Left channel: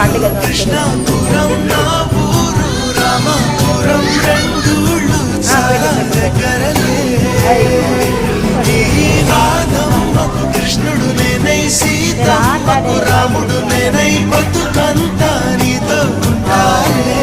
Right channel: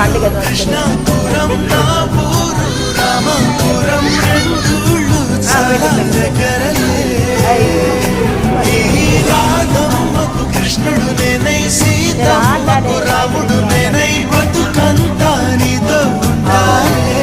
పండుగ కృష్ణాపురం నా ఊరు రామాపురం రెండూళ్ళు చాలా దగ్గరలే ఈ రాధమ్మకు కృష్ణుడు నేనై సీతమ్మకు రాముడు నేనై బతుకంతా నీతో ఉంటాలే